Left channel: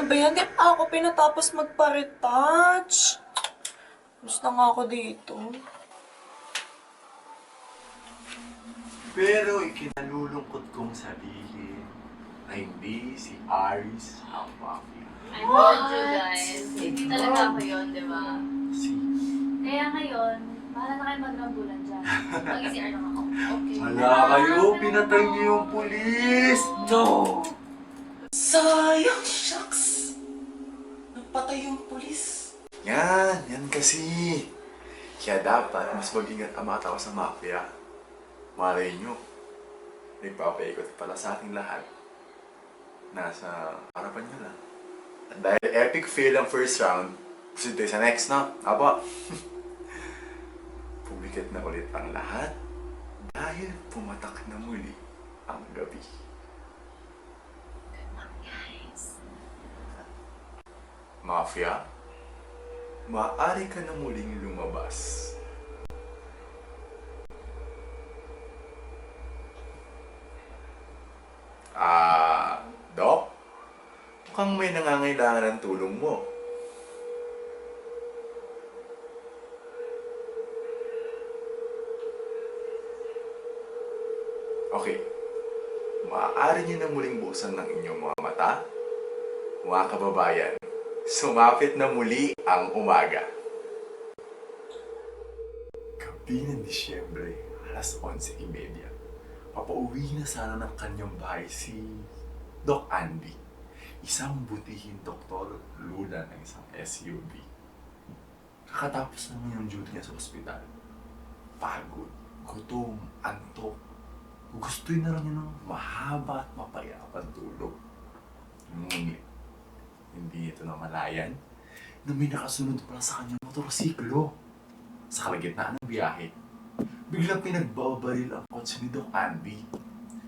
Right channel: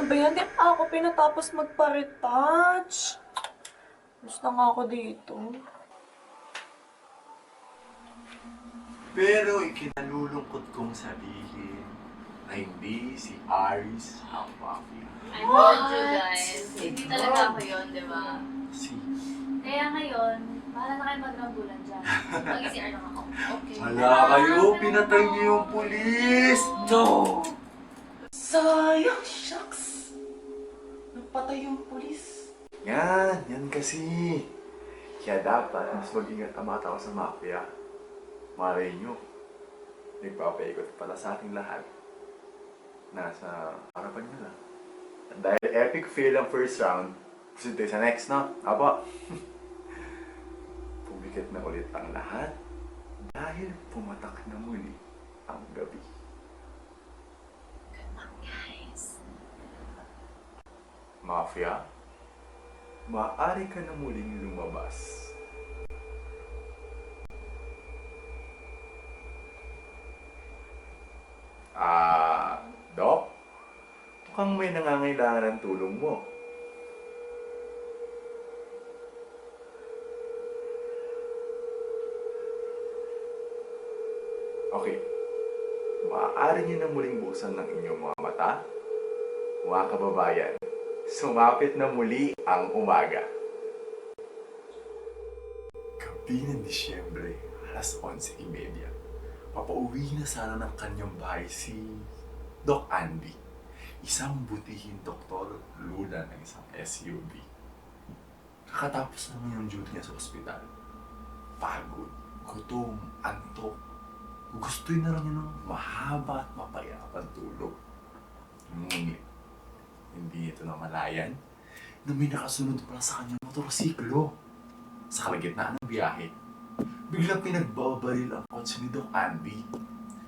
Ano ba yan? Di pa ako pinatapos magpa-retouch. Gusto na nga ako dito. Pero ikinalulungkot kong sabihin na hindi si Aris ang mafia. I told you guys, hindi talaga ako yun, di ba? Si... Kaya ngayon, bahala na kayo magrambulan dyan. Mag-CR lang ako. Okay. Hala kayo, pinatay niyo yung pulis! No! Sayang, shucks! Nagpatay yung pulis. Yan kasi. Kaya dapat mas mag-ingat ang mga tao sa mafia. Malay nyo, nagpapaikot pala sa ating lahat. Nasa harapan nyo lang. At dahil epic fail ang first round, proceed tayo sa next, no? Apo. Pumikat na ulit ang lahat dahil pumatak na muli ang gabi. Good luck, guys. Mafia, maaari ka na muling lumabas. Doc? Mukhang may nangangailangan ng tulong mo. Okay. Maaari niyo na muling buksan ng inyong mga mata. Mga kababayan, sumapit na muli ang umaga. Gabi ng Disyembre, alas 11:30. Papauwi na sana ng kanyang bahay si Doc Andy, isang butihing doktor lula ng isang SUV. Kakatapos naman yung duty niya sa ospital. Pagod, gutom, antok. Gustuin na lang niya ng mahaba at mapayapang tulog. Ngunit, hindi ito namalayan na may nakasunod pala sa kanyang motorsiklo. Sa kalagitnaan ng biyahe, biglang pinagbabaril ang kotse ni Doc Andy.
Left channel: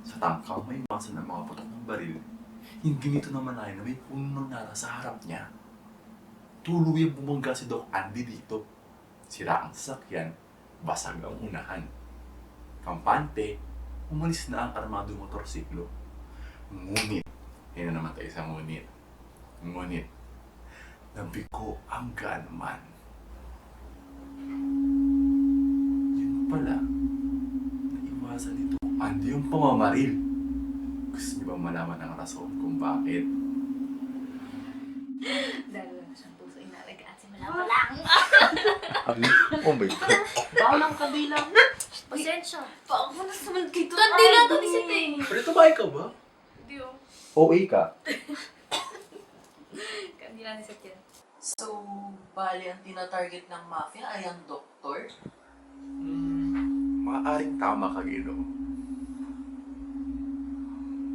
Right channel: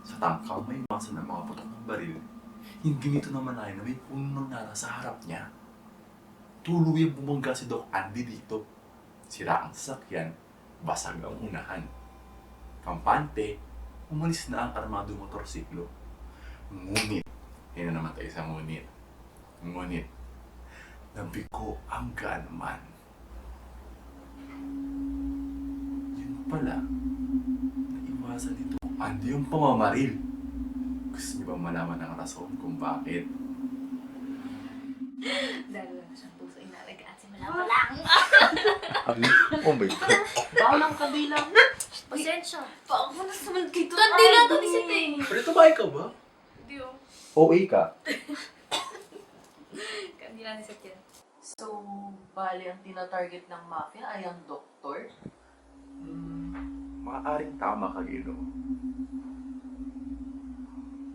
Sa tangkang may masa ng mga putok ng baril, hindi nito namalayan na may puno ng nara sa harap niya. Tuluyang bumangga si Doc Andy dito. Sira ang sasakyan, basag ang unahan. Kampante, umalis na ang armado motorsiklo. Ngunit, yun na naman tayo sa ngunit. Ngunit, nabigo ang gaanman. Yun pala, naiwasan nito Andy yung pamamaril. Gusto niyo ba malaman ang rason kung bakit? Dahil lang siyang puso inalagaan simula pa lang. Oh my God. Balang kabilang. Pasensya. Paano na naman kito? Kandi lang to isip eh. Pero ito ba ikaw ba? Hindi oh. OA ka? Kandi lang isip yan. So, bali ang tinatarget ng mafia ay ang doktor? Maaaring tama ka, Gino.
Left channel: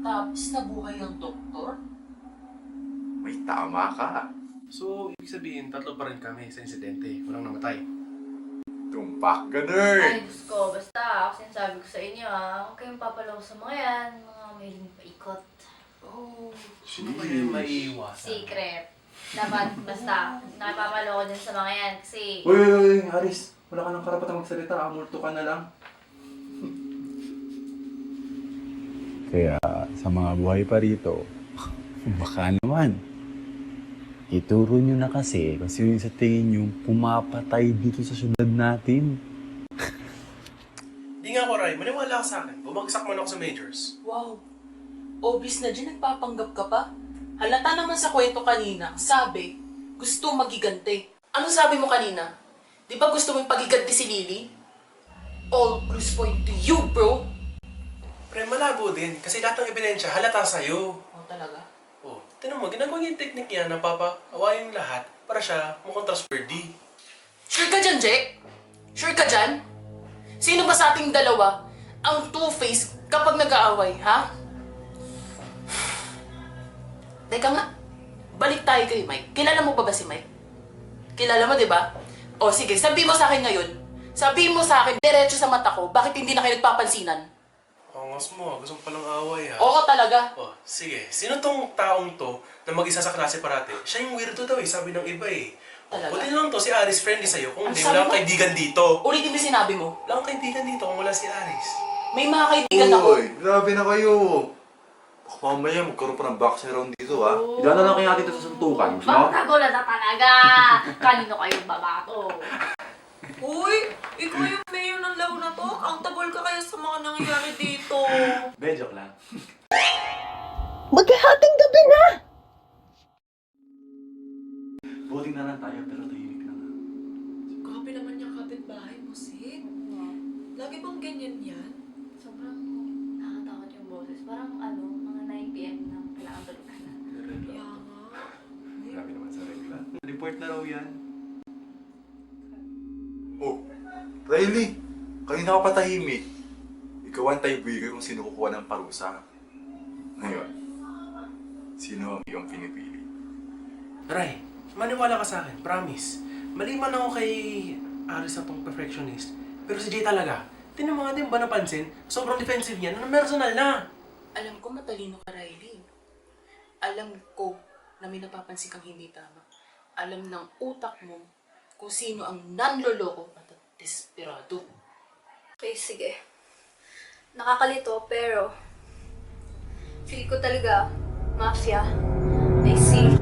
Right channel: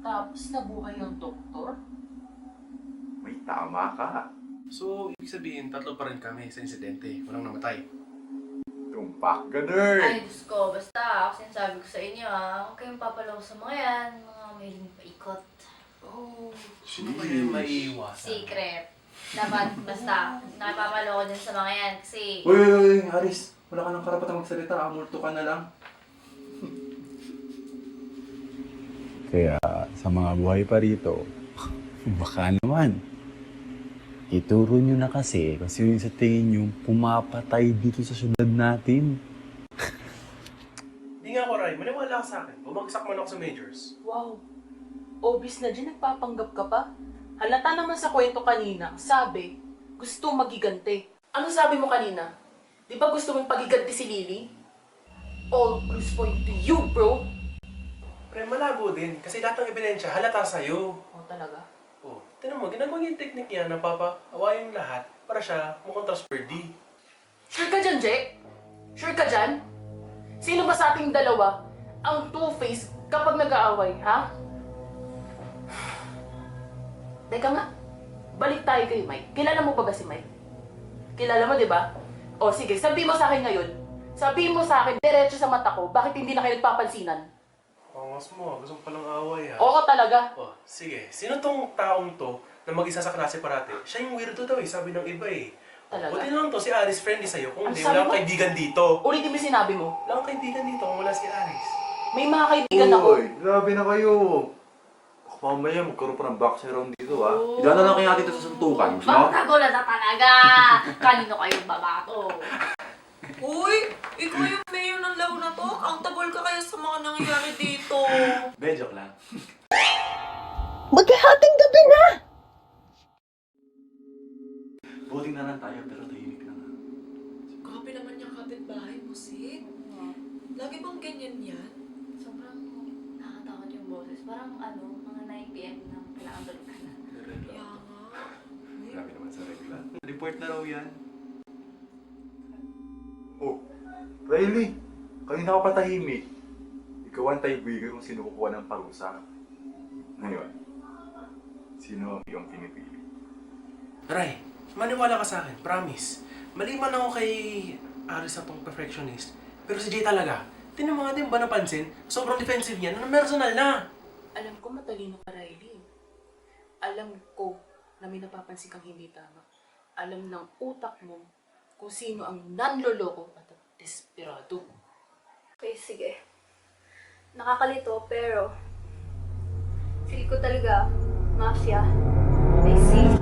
Tapos nabuhay ang doktor? May tama ka. So, ibig sabihin, tatlo pa rin kami sa insidente. Walang namatay. Tumpak ka, nerd! Ay, Diyos ko. Basta, ako sinasabi ko sa inyo huwag kayong papalaw sa mga yan. Mga mailing paikot. Oh, Sino ba yung maiiwasan? Secret. Dapat, basta, napapalaw ko dyan sa mga yan. Kasi, Uy, Haris. Wala ka ng karapatang magsalita. Amulto ka na lang. Kaya sa mga buhay pa rito, baka naman, ituro nyo na kasi yung sa tingin nyo pumapatay dito sa syudad natin. Hindi nga ako, Ray. Maniwala ka sa akin. Bumagsak man ako sa majors. wow. Obvious na dyan, nagpapanggap ka pa. Halata naman sa kwento kanina, sabi, gusto magigante. Ano sabi mo kanina? Di ba gusto mong pagiganti si Lily? All clues point to you, bro. Pre, malabo din. Kasi lahat ng ebidensya halata sa'yo. Oh, talaga? Oh, tinan mo, ginagawa niya yung technique niya na papaawayin lahat para siya mukhang trustworthy. Sure ka dyan, Jake? Sure ka dyan? Sino ba sa ating dalawa ang two-face kapag nag-aaway, ha? Teka nga, balik tayo kay Mike. Kilala mo pa ba si Mike? Kilala mo, di ba? O sige, sabi mo sa akin ngayon. Sabi mo sa akin, diretso sa mata ko, bakit hindi na kayo nagpapansinan? Angas mo, gusto mo palang away ha. Oo talaga. Oh, sige. Sino tong taong to na mag-isa sa klase parate? Siya yung weirdo daw eh, sabi ng iba eh. Talaga? Buti lang to, si Aris friendly sa'yo. Kung Ang hindi, sabi wala kang mo? kaibigan dito. Ulitin mo sinabi mo. Wala kang kaibigan dito kung wala si Aris. May mga kaibigan ako. Uy, grabe na kayo. Baka mamaya magkaroon pa ng boxing round dito, ha? Oo. Ilan na lang kaya dito sa suntukan. Gusto mo? Magkagulat na talaga! Kanino kayong babato? Uy! Ikaw yung mayor ng laro na to? Accountable ka kaya sa mga nangyayari dito? Be, joke lang. Maghahating gabi na! Voting na lang tayo, pero tahimik lang, ha? Grabe naman yung kapitbahay mo, Sid. Lagi bang ganyan yan? Sobrang nakakatakot yung boses. Parang mga 9 p.m. na kailangan tulog ka na. Kaya nga. Grabe naman sa regla. Report na raw yan. Oh, Riley! Kanina ka pa tahimik. Ikaw ang tiebreaker kung sino kukuha ng parusa. Ngayon, sino ang iyong pinipili? Ray, maniwala ka sa akin, promise. Mali man ako kay Aris sa tong perfectionist. Pero si Jay talaga, tinan mo nga din ba napansin? Sobrang defensive niya, na personal na. Alam ko matalino ka, Riley. Alam ko na may napapansin kang hindi tama. Alam ng utak mo kung sino ang nanloloko at desperado. Okay, sige. Nakakalito, pero feel ko talaga, mafia, I see